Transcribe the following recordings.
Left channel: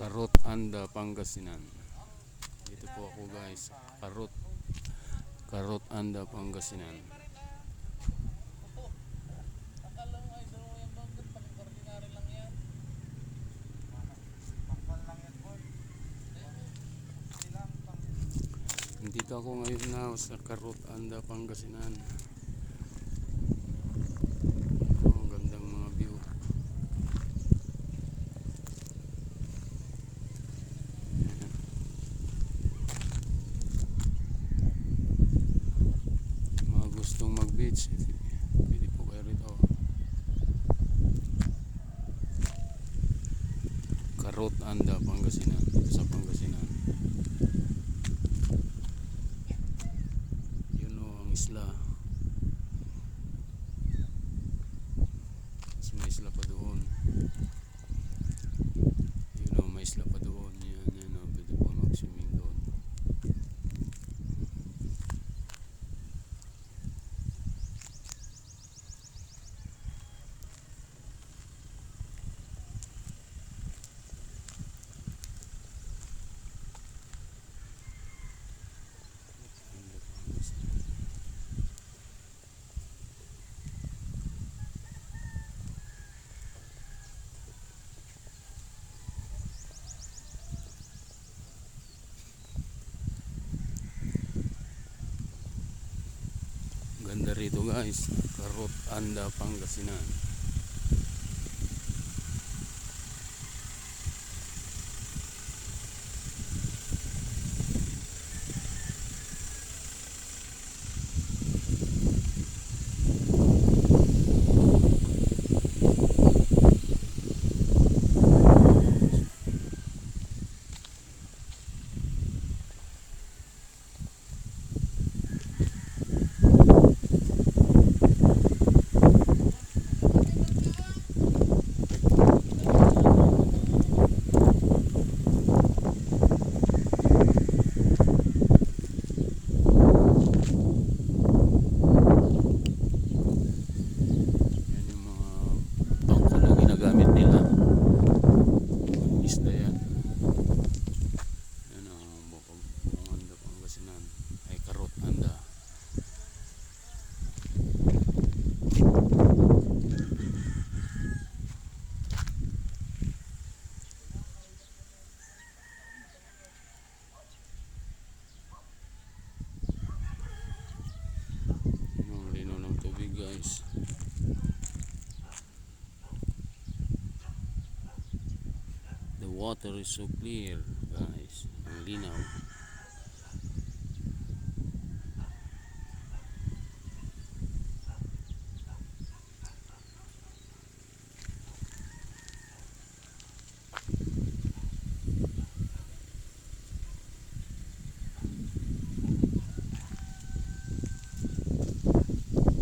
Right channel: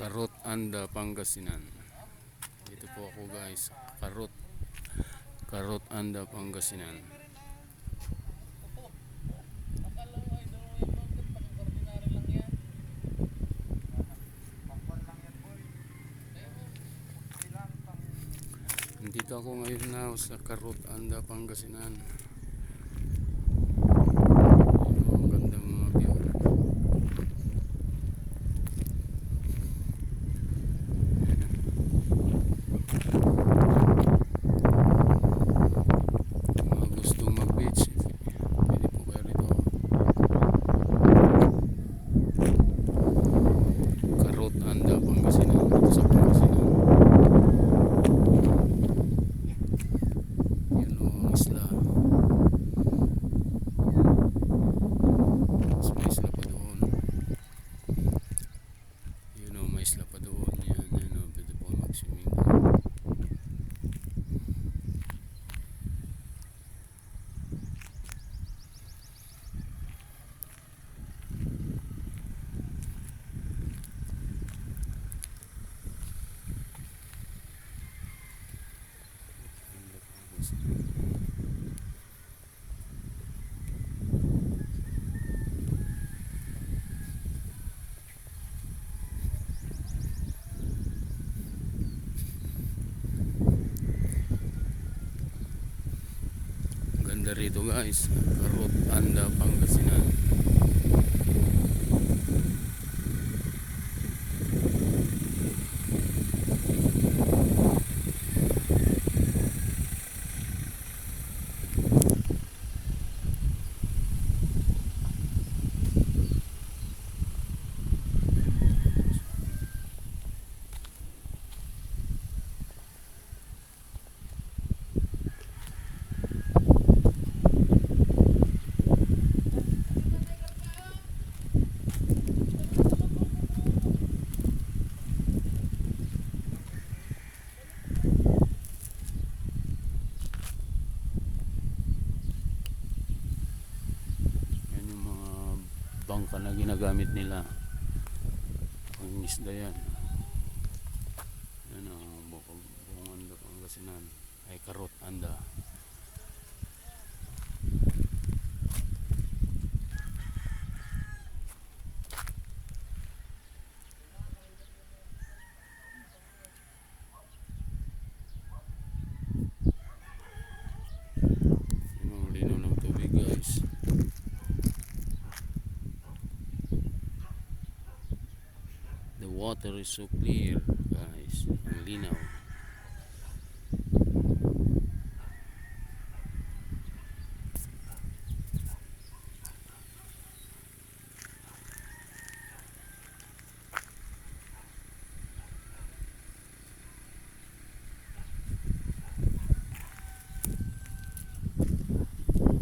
Karot Anda, Pangasinan. Dito po ako guys, Karot Anda, Pangasinan. Dito ako ngayon na sa Karot Anda, Pangasinan. Ang gandang mga view. Mga gustong mag-beach, pwede po kayo rito. Karot Anda, Pangasinan. Dito sa Pangasinan. Yun o, ang isla. Mas may isla pa doon. Yun o, may isla pa doon. Yan o, pwede po mag-swimming doon. Ganda rito guys, Karot Anda, Pangasinan. Yan yung mga bangka na ginagamit nila. Mga isda yan. Yan ang Bukong Anda, Pangasinan. Ay, Karot Anda. Yan ang linaw ng tubig guys. The water is so clear guys. Ang linaw.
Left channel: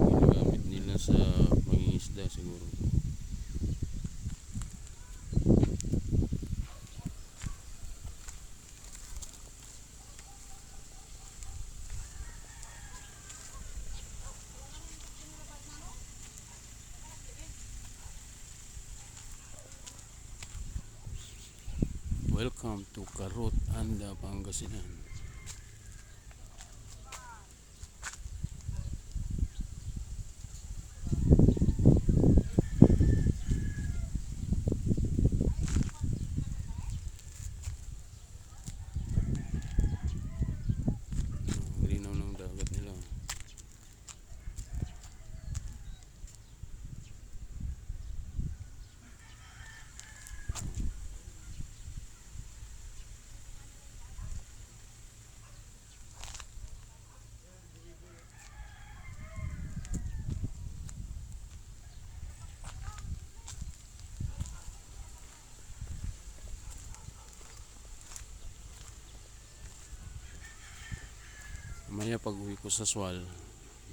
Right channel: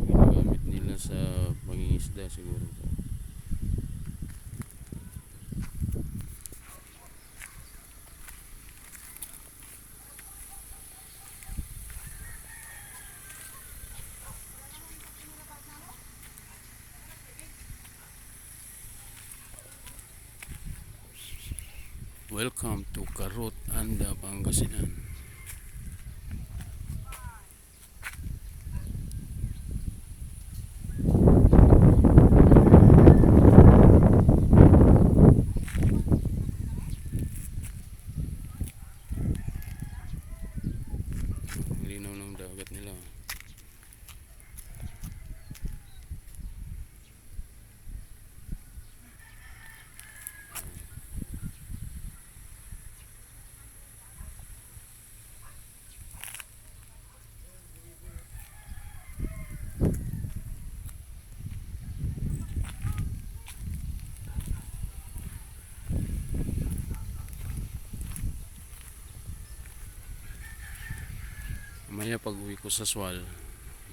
Ginagamit nila sa pangingisda siguro. Welcome to Karot Anda, Pangasinan. Ang linaw ng dagat nila. Mamaya pag uwi ko sa Swal,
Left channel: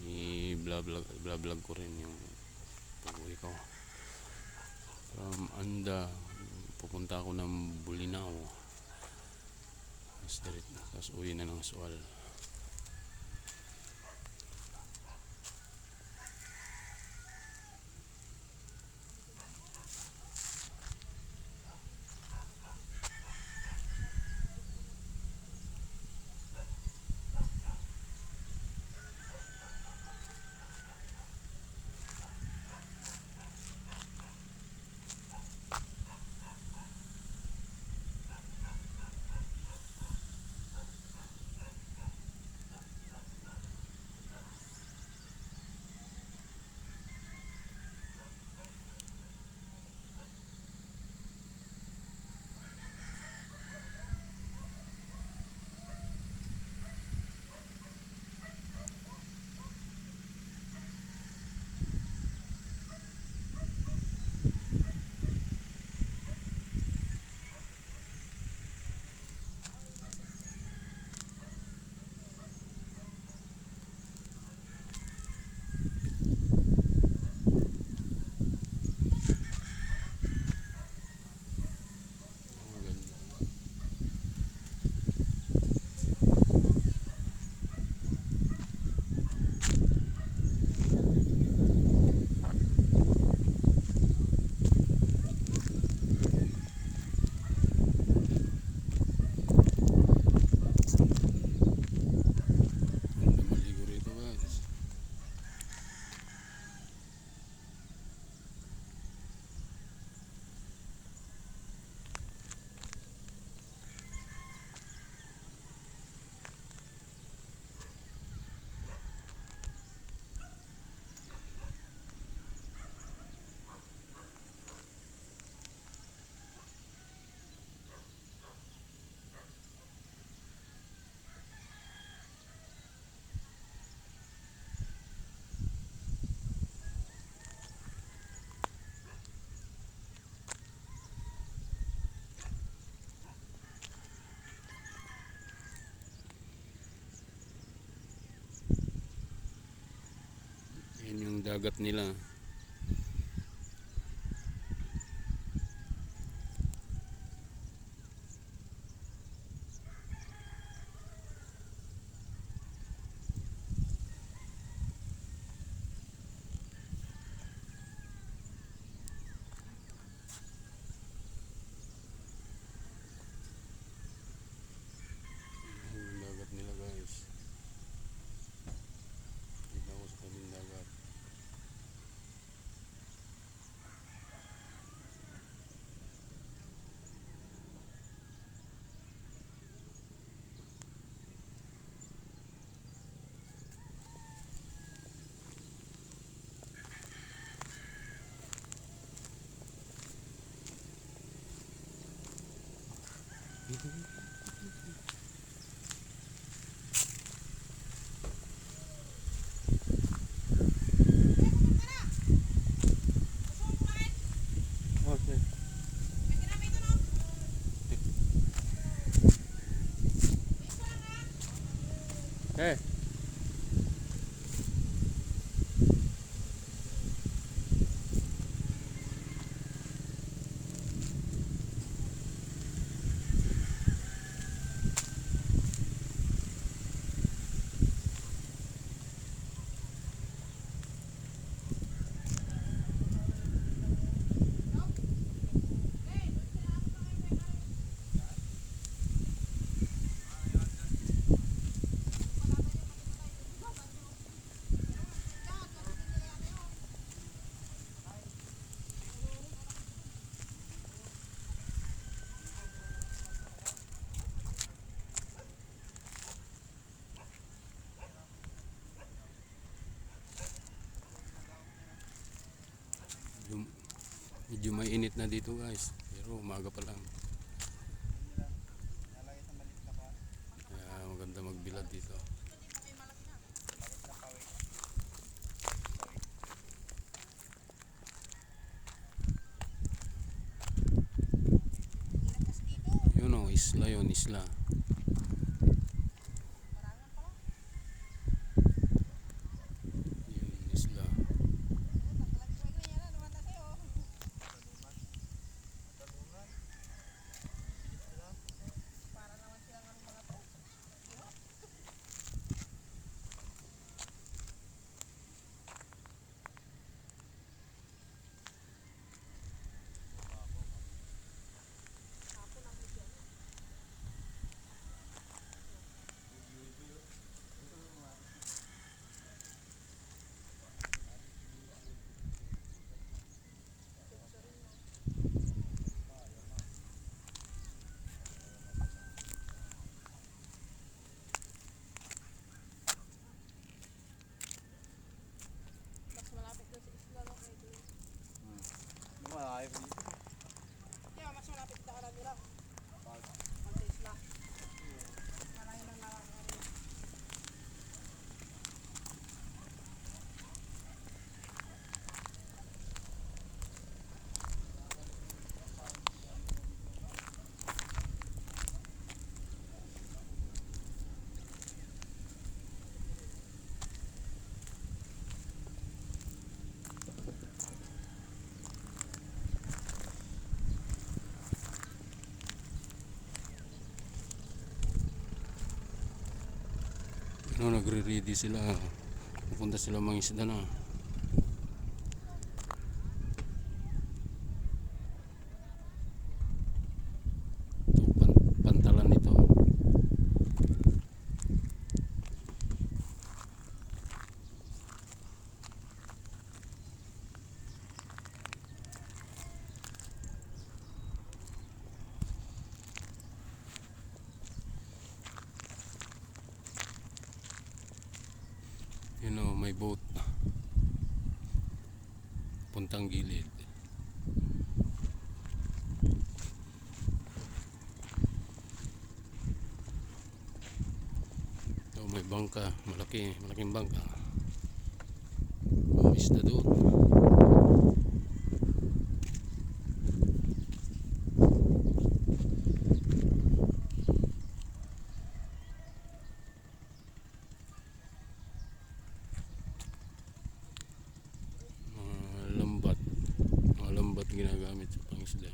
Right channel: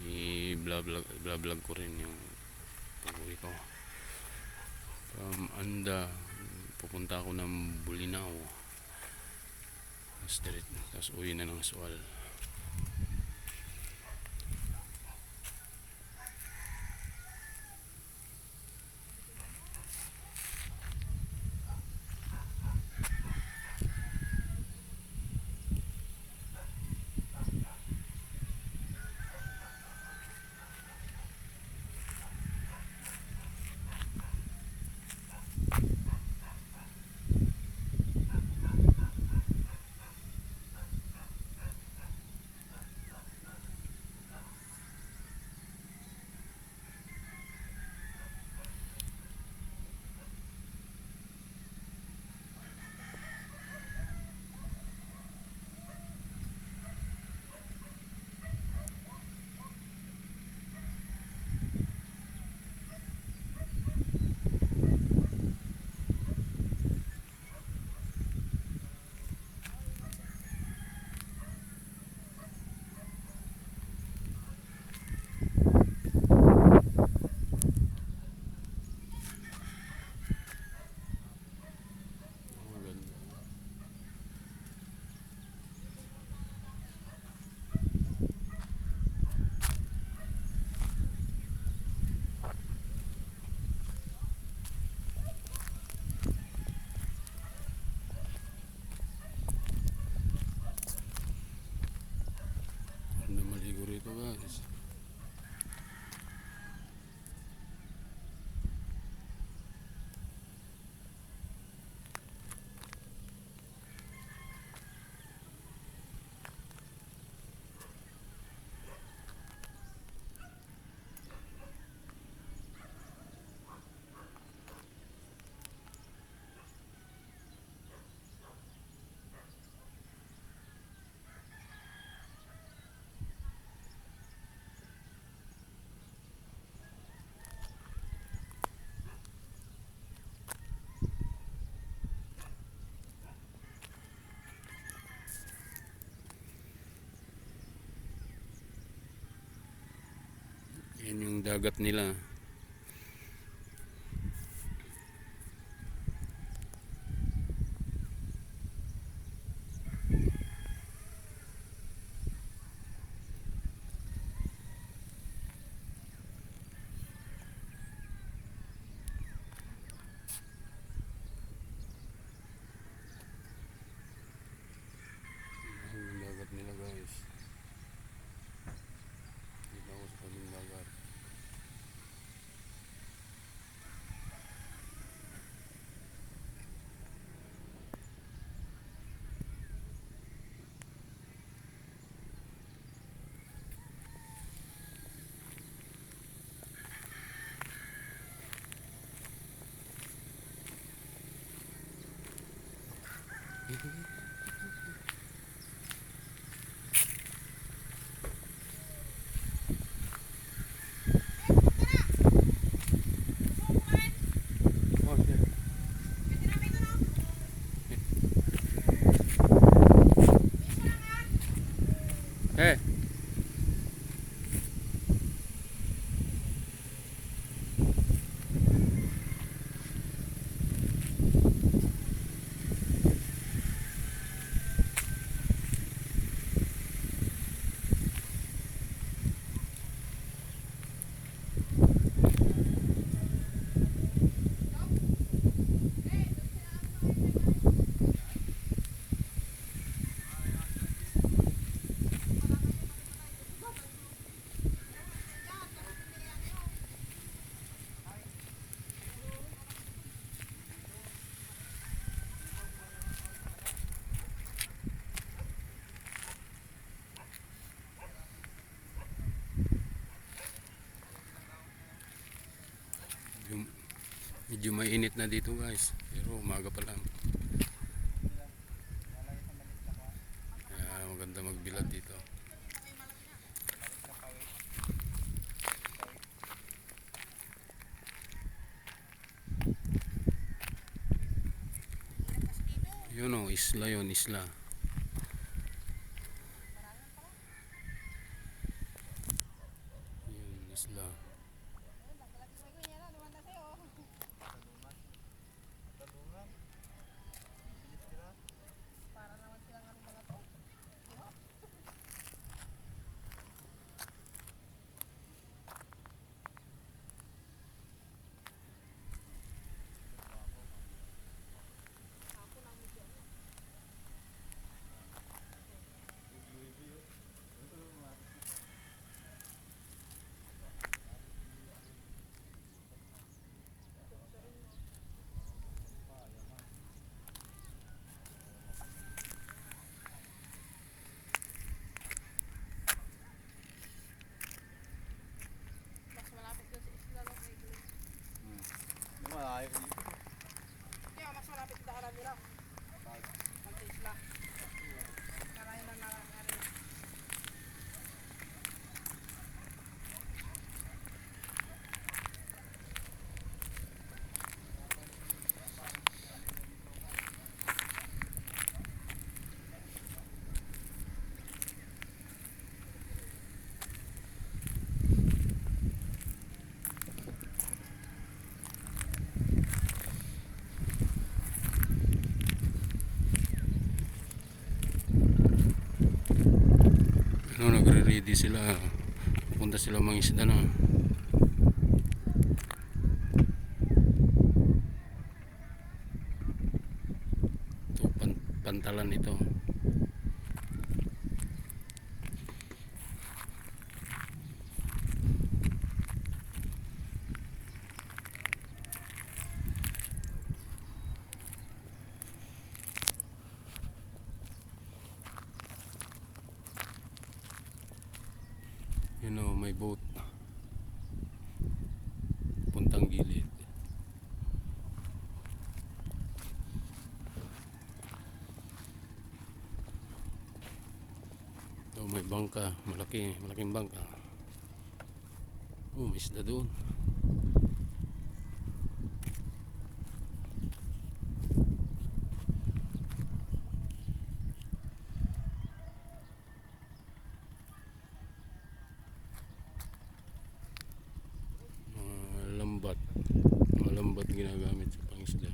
i-vlog ko rin yung pag uwi ko. From Anda, pupunta ako ng Bulinaw. Tapos uwi na ng Swal. Yan yung dagat nila. Yung dagat nila guys. Dito ako sa tabing dagat. Okay. Hey. Medyo mainit na dito guys, pero umaga pa lang. Kaya maganda magbilad dito. Yun o, isla yun, isla. Yun, isla. Kaya mas malapit daanan nila. Mag-taste lang. Marami na narangari. Ano, nagre-ready sila. Pupunta sila mangisda na. Ito, pantalan ito. Yun o, may boat. Puntang gilid. Ito, may bangka. Malaking bangka. Oh, isda doon. isda.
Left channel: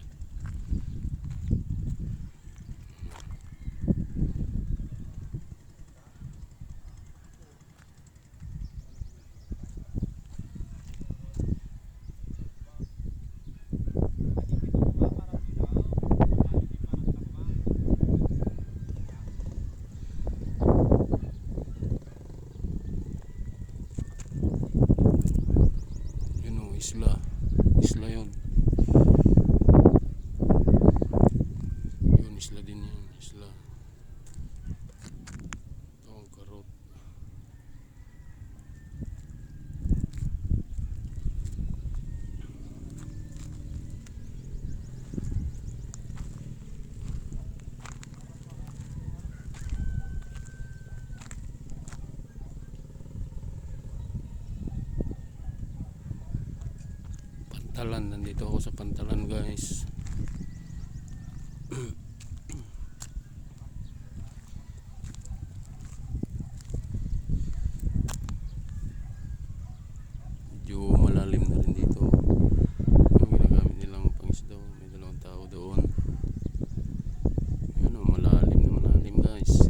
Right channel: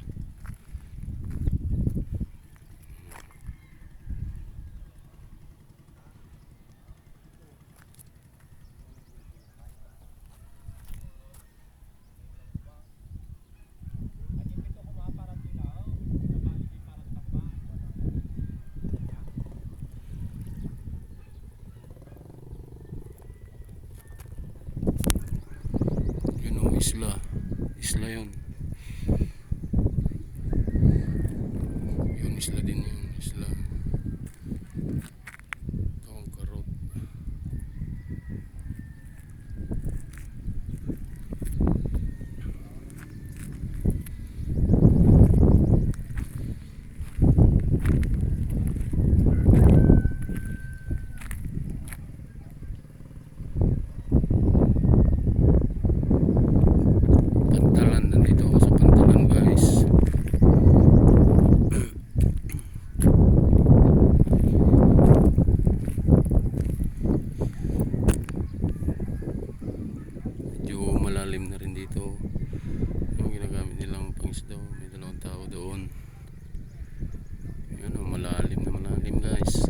Yun o, isla. Isla yun. Yun, isla din yun. Isla. Ito ang karot. Pantalan, nandito ako sa Pantalan guys. Medyo malalim na rin dito yung ginagamit nilang pangisda. May dalawang tao doon. Yun o, malalim na malalim guys.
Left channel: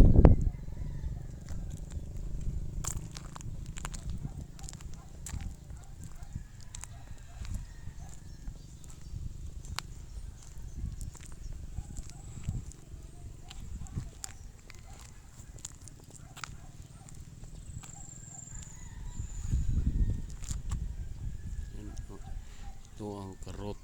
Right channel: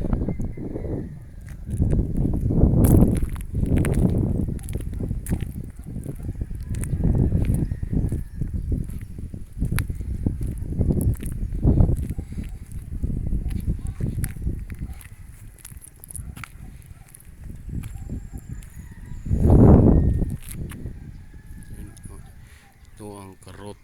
Yun, o. Ito ang karot.